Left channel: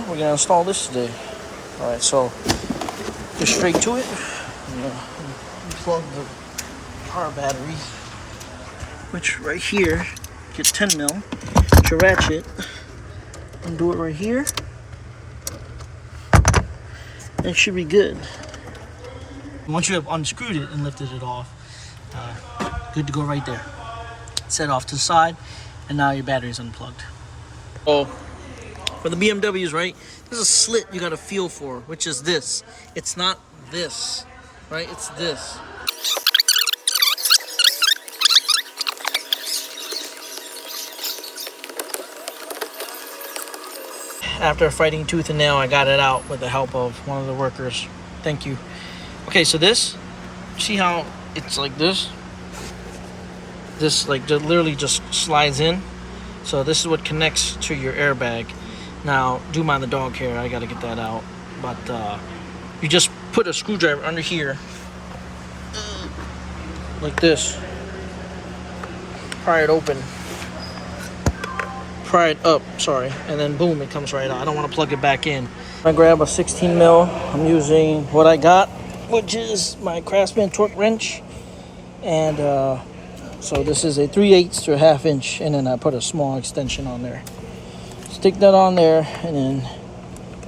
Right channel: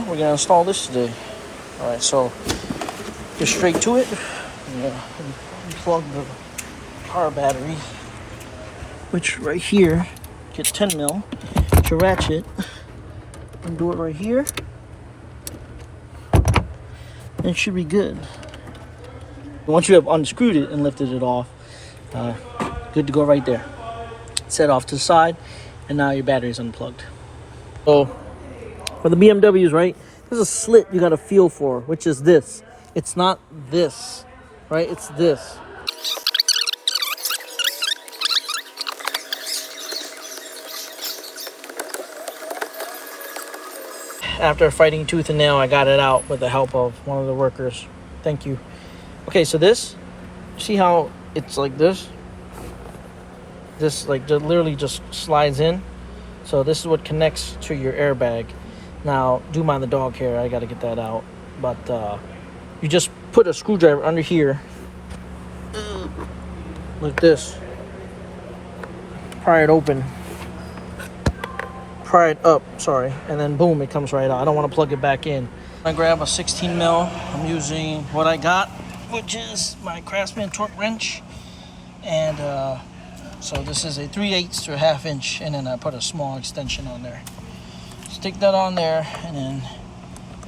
We're gonna install this today. All right, so get straight to it. Plug the car battery, which right here, get 10 mil. Get your ratchet and do it right here. And it should be good. Once you have unscrewed it and lifted it off, good to go right there. Set off to the side, and now your battery's unplugged. So for the BMWs, right, there's a slit you gotta feel for, which is this. It's not this, right? It's this. After fighting tooth and nail, I got it out with the help of one of the workers. Thank you. Okay, so this, see how it's like this? This like just literally just slides in. So this is what connects to your airbag. Now, do mind the dog hair, I gotta get that out. But you just put a screwdriver under here, like this. Pry it open. Pry it up, sorry, and then boom, it comes right out. I don't want to plug it back in. I grab a 16 mil. I'm using what I got, which is my Craftsman torque wrench, and so this is a 3/8 to a 1/2 inch, and then I put a small extension on there. Stick that on there, and then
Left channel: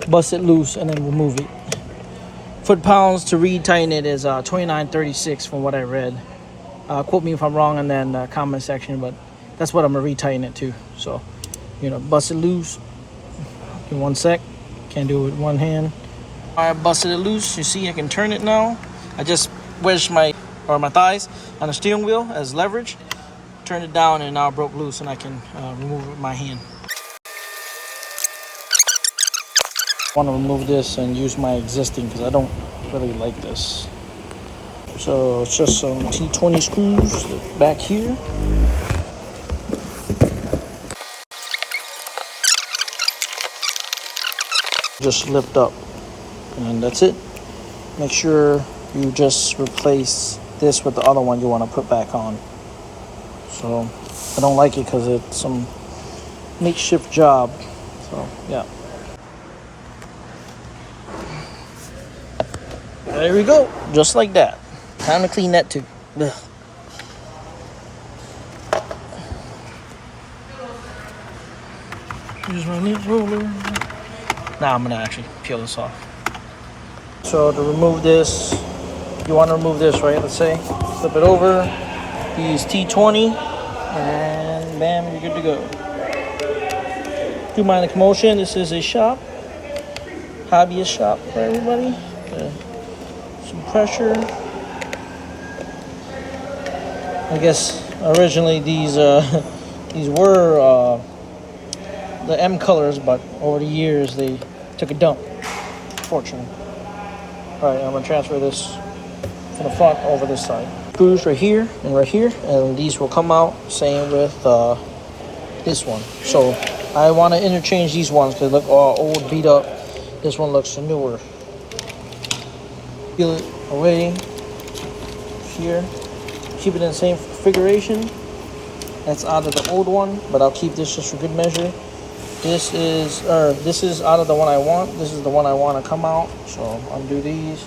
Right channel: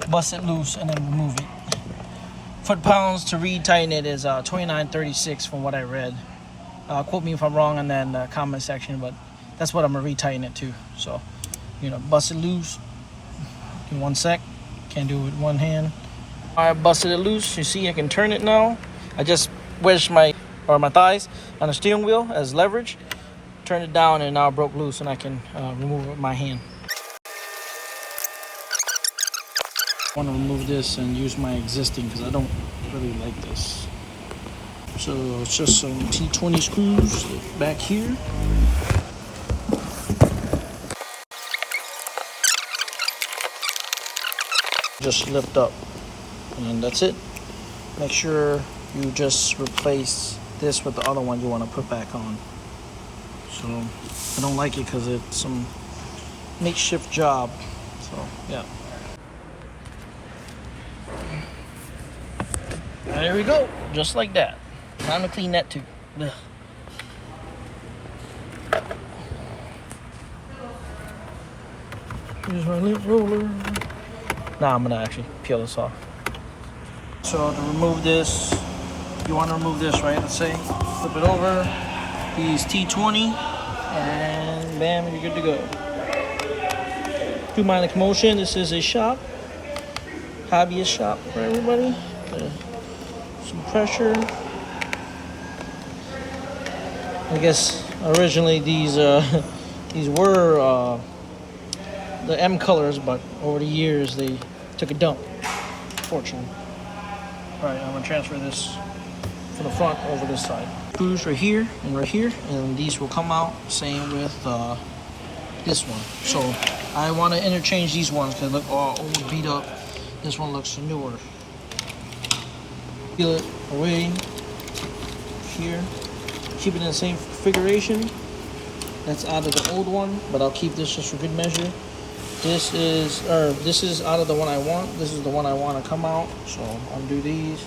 bust it loose, and then remove it. Foot-pounds to retighten it is 29.36 from what I read. Quote me if I'm wrong in the comment section, but that's what I'm gonna retighten it to. So, you know, bust it loose in 1 sec. Can't do it with one hand. I busted it loose. You see, I can turn it now. I just wedged my thighs on the steering wheel as leverage. Turned it down, and now it broke loose, and I can remove it with my hand. I want to remove this and use my existing because I don't really like this. So it's just some T20 screws back here. Just lift up, and that's it. Make sure you just replace this with the other one you want to put back on. So I don't like it because it's some makeshift job. So yeah. There we go, just like that. Time to clean that too. Ugh. Here's my lint roller. Now I'm gonna actually peel this off. So to remove this, you want to remove this, right? Let's say, flip it over. Use T20, and bam, you're good to go. Do mind the commotion. This is a shop, hobbyist shop for everybody. Some pressure. I guess originally these were the M colors, but over the years they took a dump, fortunately. All right, I'm gonna transfer this from the front over this side. Screws right here, and these will come out. Same with this one. So I want to interchange these ones because they look all old, beat up. This one looks newer. Peel it away here. Keep it in the same configuration. That's out of the old one, but I'll keep this just for good measure. This is out of the one I want. This is the one I want to come out. So undo these.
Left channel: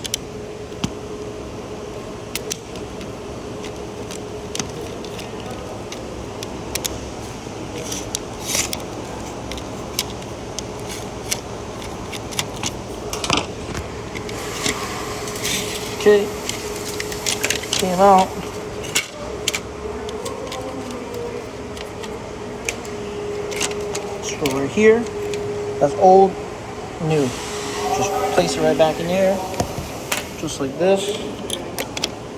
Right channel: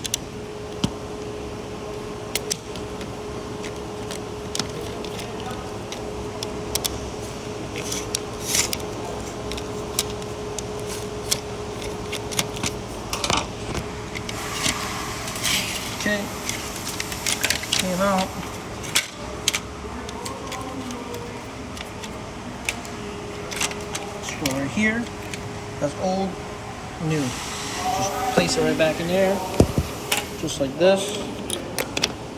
Okay. Came out. So right here, that's old, new. Just place it right back in there, just like this,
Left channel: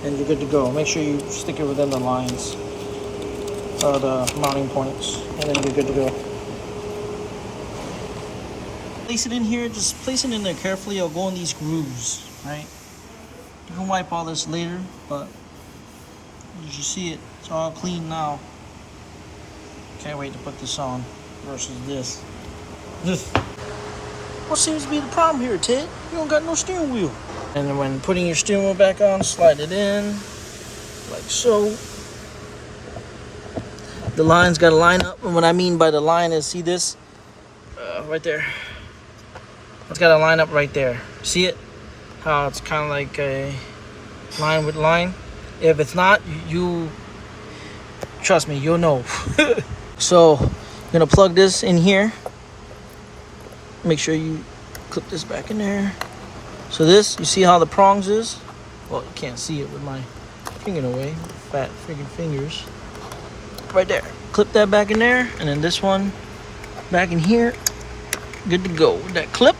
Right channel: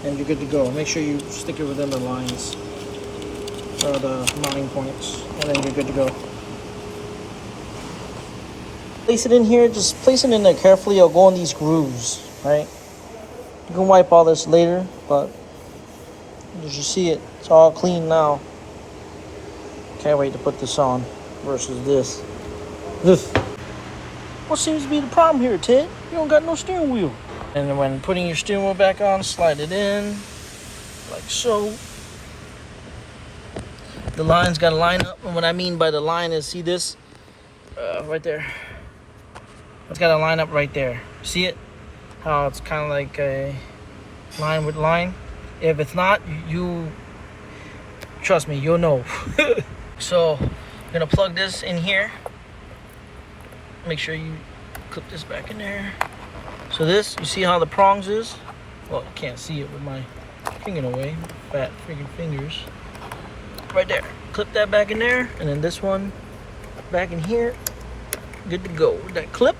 and you're good to go. Make sure you stick it within the lines, the mounting points, and then you're good to go. Place it in here, just place it in there carefully. It'll go in these grooves, right? You can wipe all this later, but as you see it, it's all clean now. Can't wait to put this on versus this. What seems to be the problem here, Ted? You don't got no steering wheel. And then when putting your steering wheel back on, slide it in like so. The line's got to line up, and what I mean by the line is, see this right there. It's got to line up right there. See it? How it's kind of like a line with line. If it's not, you trust me, you'll know. So I'm gonna plug this in here. Make sure you clip this back in there. So this, you see how the prongs is? Well, you can't see it with my finger in the way. Fat freaking fingers. Right there. Clip that back in there, and then this one back in here. Good to go with that clip.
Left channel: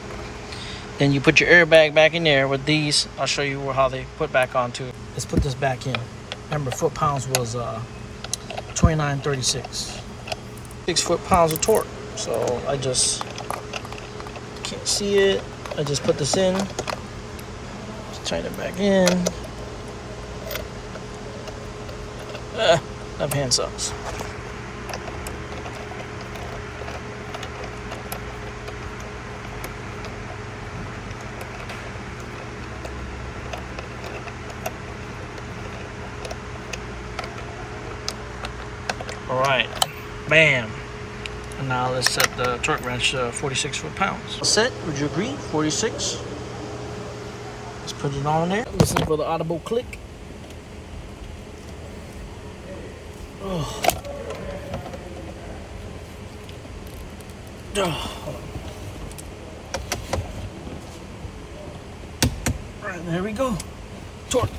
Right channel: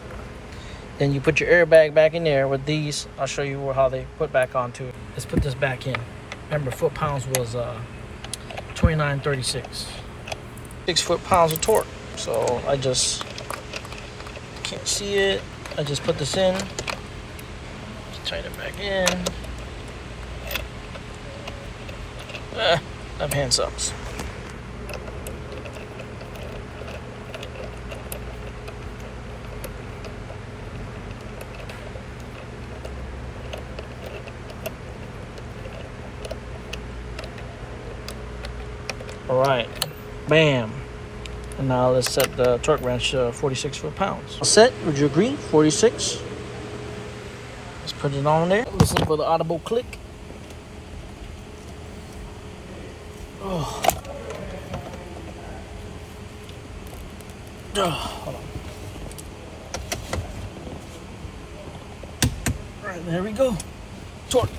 Then you put your airbag back in there with these. I'll show you how they put back onto. Let's put this back in. Remember, foot-pounds was 2936. 6 foot-pounds of torque. So I just can't see it. I just put this in. Just tighten it back in. That hand sucks. All right, bam. And now let's set the torque wrench 46 foot-pounds. Set, would you agree? 46. Let's put it on there. Listen for the audible click. Oh. Oh, hold on. All right, there we go. Torque.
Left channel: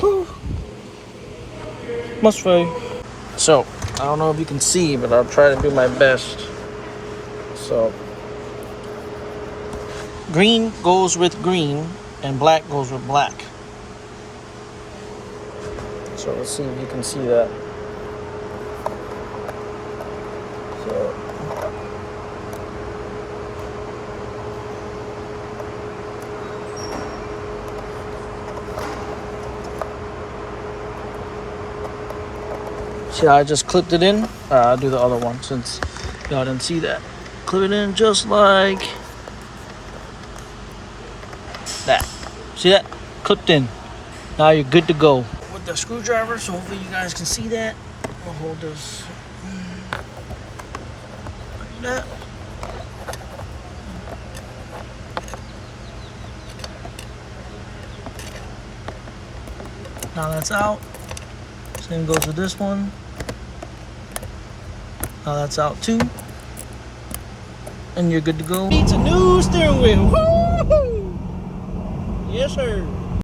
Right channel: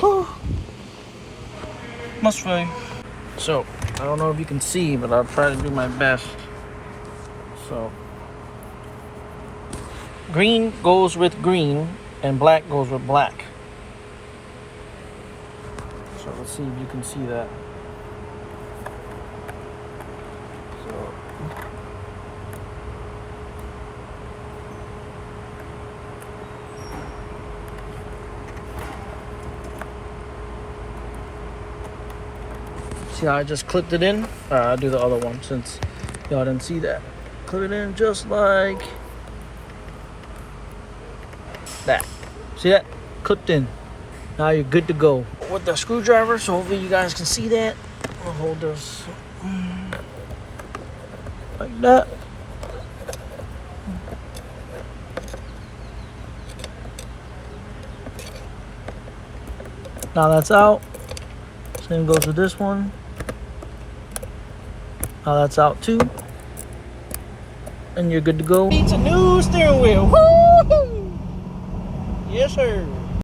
Whew. Must be. So, I don't know if you can see, but I'll try to do my best. So, green goes with green, and black goes with black. So, let's see if you can see that. So, see how I just clipped it in? I'll do the other one since y'all didn't see that. Clip it in just like that. See that? Clipped in. Now you're good to go. With the screwdriver, so hopefully you guys can see that. I'll hold this like that. Now that's out. Same goes with this one. Now that's out too. And you're good to go. Needs a new steering wheel. Woo! Yes, sir.